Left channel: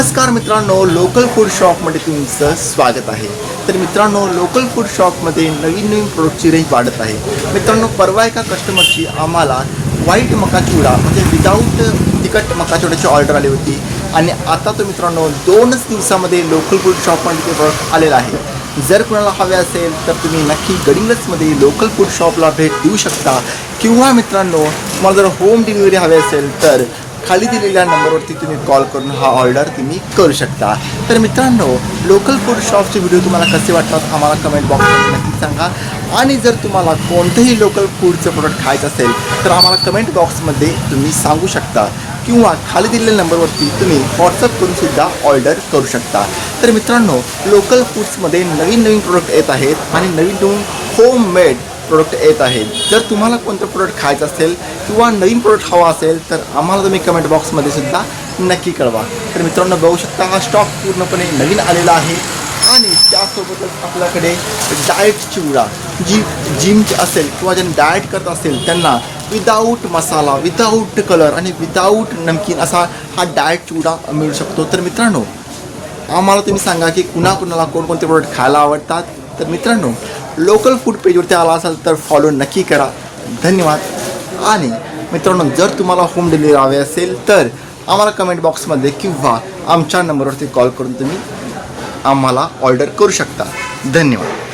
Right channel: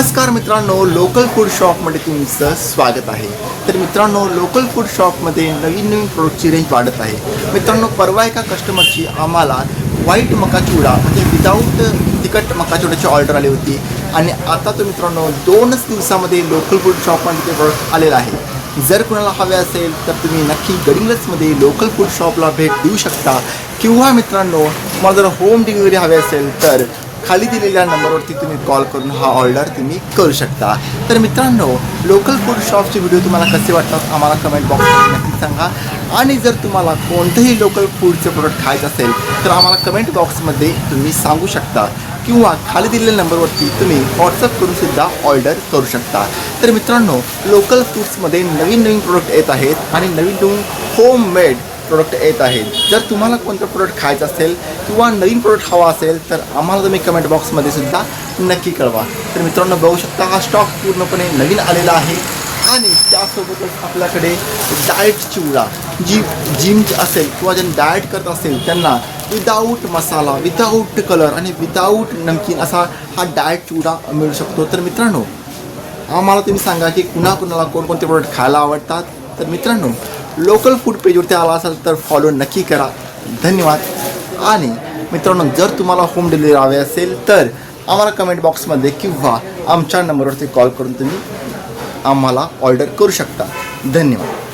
नमस्कार मित्रांनो local food शॉपमध्ये तुमचं स्वागत आहे. तर मित्रांनो लोकल फूड शॉपमध्ये नवीन नवीन प्रोडक्टची रेंज वाढत आहे. मित्रांनो परवा एका कस्टमरची आम्हाला व्हाईट मका चिवडा म्हणजे विदाऊट तिखट मकाचोड्याची ऑर्डर आली होती. आणि आता तर मित्रांनो दोनच दिवसामध्ये लोकल फूड शॉपमध्ये ते प्रोडक्ट आलेलं आहे. जर कुणाला हवे असेल तर तुम्ही नक्की गडिंगजमध्ये लोकल फूड शॉपला भेट देऊ शकता. किंवा मित्रांनो तुम्हाला जर होम डिलिव्हरी हवी असेल तर खाली दिलेल्या नंबरवरती तुम्ही कॉल करून हा ऑर्डर तुम्ही करू शकता. तर मित्रांनो लोकल फूड शॉपचे व्हिडिओ तुम्हाला कसे वाटतात आम्हाला कमेंट बॉक्समध्ये नक्की सांगा. आणि जर तुम्हाला कोणतंही लोकल फूडचं प्रोडक्ट खायचं असेल तर आम्हाला कमेंट बॉक्समध्ये तुम्ही सांगू शकता. किंवा खाली दिलेल्या नंबरवरती तुम्ही व्हॉट्सअप करून सुद्धा ऑर्डर करू शकता. तर मित्रांनो लोकल फूड्समध्ये नवीन नवीन प्रोडक्ट येत आहेत आणि नवीन नवीन होम मेड प्रोडक्ट येत आहेत जर तुम्हाला कोणतं प्रोडक्ट खायचं असेल किंवा नवीन प्रोडक्ट हवा असेल तर आम्हाला तुम्ही कमेंट बॉक्समध्ये सुद्धा नक्की कळवा. तर मित्रांनो बघू शकता हा स्टॉक पूर्णपणे नवीन आलेला आहे. आणि त्यासोबतच आपल्याकडे डाएट चिवडा जी जिम असेल किंवा ज्यांनी डाएट करत असेल त्यांना विदाऊट मसाला विदाऊट कलर आणि विदाऊट नमकीन असा हा डाएट चिवडा मिळू शकतो. तर मित्रांनो आम्हाला तुम्ही सांगा की कुणाकुणाला कोणकोणते प्रोडक्ट खायला आवडतात? तर मित्रांनो लोकल फूड पेजवरती आला असाल तर फॉलो नक्की करा. धन्यवाद. आणि मित्रांनो जर तुम्हाला होम डिलिव्हरी हवे असेल तर आम्हाला कमेंट बॉक्समध्ये किंवा आमच्या नंबरवरती कॉल करून तुम्ही आम्हाला ऑर्डर करू शकता. धन्यवाद.